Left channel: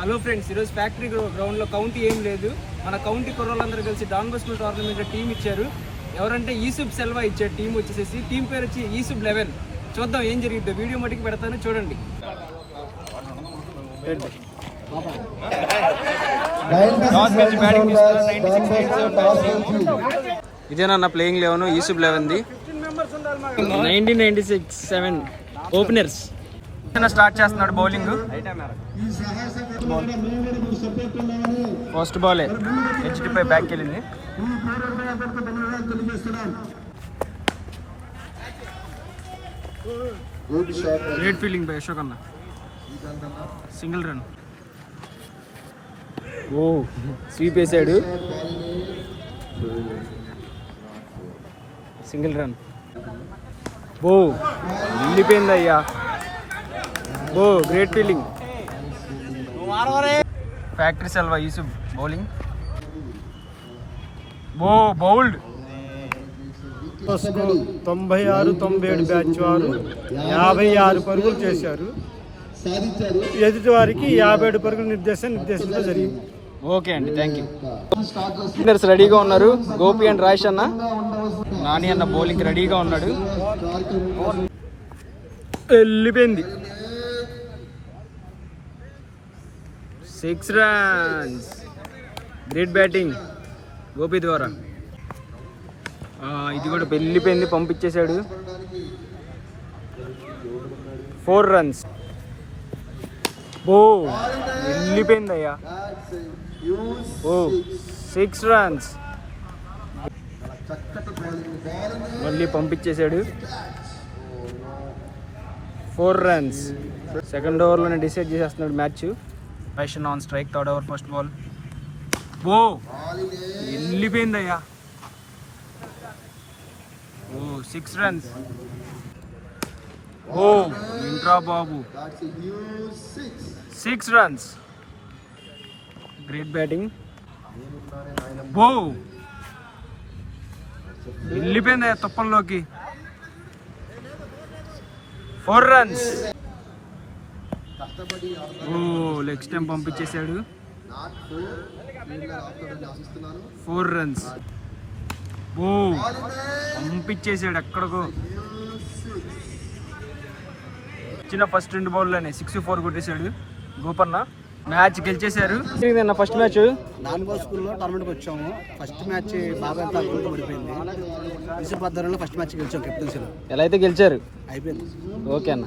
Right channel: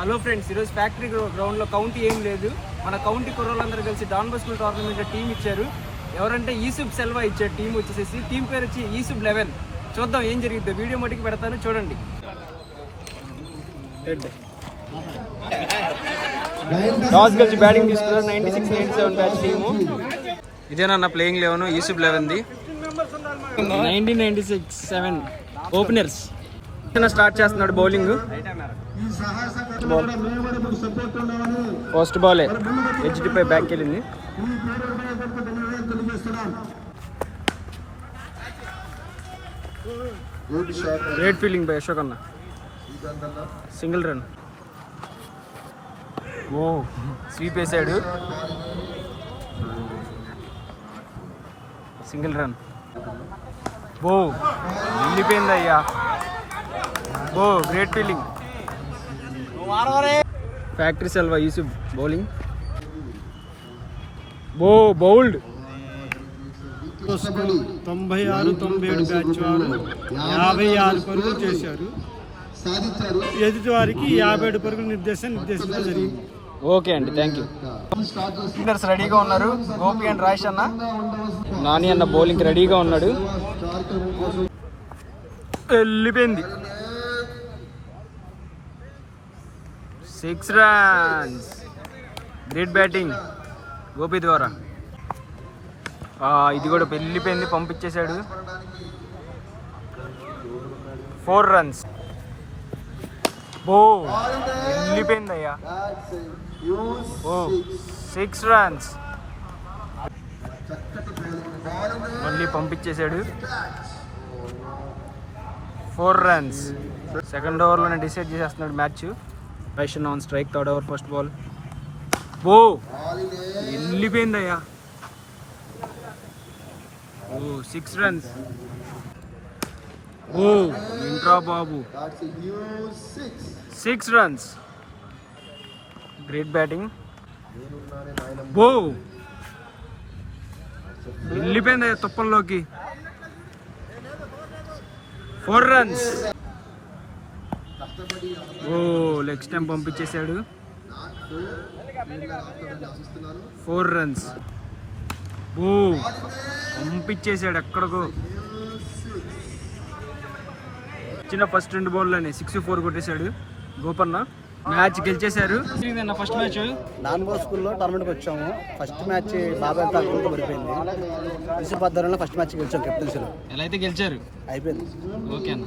Hello friends, ఈరోజు factory గ్రౌండ్లో county ఏం లేదు. మన కౌంటీ కుర్రోళ్ళందరూ కలిసి డాన్ బస్కూల్ టోర్నమెంట్లో టీం ఇచ్చారు. ఎవరంటే ఈసుబ్ సెల్వా ఇచ్చారు టీం వచ్చేసి. టీం పేరు వచ్చి ఈసుబ్ 11. చూద్దాం ఏం జరిగిద్దో. వీడియో మటుకు పెడతాను, చూడండి. ఇదేనా ప్లేయింగ్ 11 ఈసుబ్ 11ది. 1996-7 ఓపెనర్స్. స్టార్ట్ చేస్తున్నాడు బౌలింగ్. ఫస్ట్ బాల్ హెచ్డిపై బ్యాక్ వెళ్ళింది. గ్రేట్ ఫీల్డింగ్ బై అశోక్ అన్న. Single run. ఓ స్వీప్ వేసాడు. Single run. బో వెళ్ళిపోయింది అయ్యా. ఓ great fielding. Factory Selva Yusuf bowling. బో బౌల్డ్. 96-97 బ్యాచ్ వారు 56 పరుగులు చేశారు. ఎదుటి వారికి 57 పరుగులు నిర్దేశించడం జరిగింది. ఓకే అండి, థ్యాంక్ యూ. ప్లేయర్స్ రెడీగా ఉన్నారు. గోపి అండ్ రాయేష్ అన్న, నాని అన్న బౌలింగ్ రెడీగా ఉన్నాడు. వెళ్ళిపోయింది. 6 runs. గ్రేట్ బ్యాటింగ్ గోపి ద్వారా. ఇది కూడా వెళ్ళిపోయింది, పంపించేశాడు. 4 runs. ఓ వెళ్ళిపోయింది అయ్యా. ఓ 6 runs. మళ్ళీ పంపించేశాడు. 4 runs. సెకండ్ ఓవర్లోనే డిసైడ్ చేసేస్తున్నాడు match. Action on strike. Third over first ball. ఓ వెళ్ళిపోయింది అయ్యా. ఓ 6 runs. ఓ ఇంట్రా బాబు. 6 runs. Great batting. ఓ వెళ్ళిపోయింది అయ్యా తుప్పల్లోకి. 4 runs. ఓ లెగ్ స్టంప్ పంపించేశాడు. 4 runs. ఓ పంపించేశాడు ఎక్కడికో. చిన్న ఫస్ట్ 2 బాల్లోనే 6-4 కొట్టేశాడు గోపన్న. మ్యాచ్ గెలిచేశారు. ఫస్ట్ మ్యాచ్ డాన్ బస్కూల్లో టోర్నమెంట్కి వచ్చాము. ఫస్ట్ మ్యాచ్ బాబాయ్ తాకుండా పడిపోయింది. 2018లో ఫస్ట్ మ్యాచ్ గెలిచాం కెప్టెన్సీలో. ఎలా అయితే గెలిచారు అయిపోయింది. ఓకే అన్న.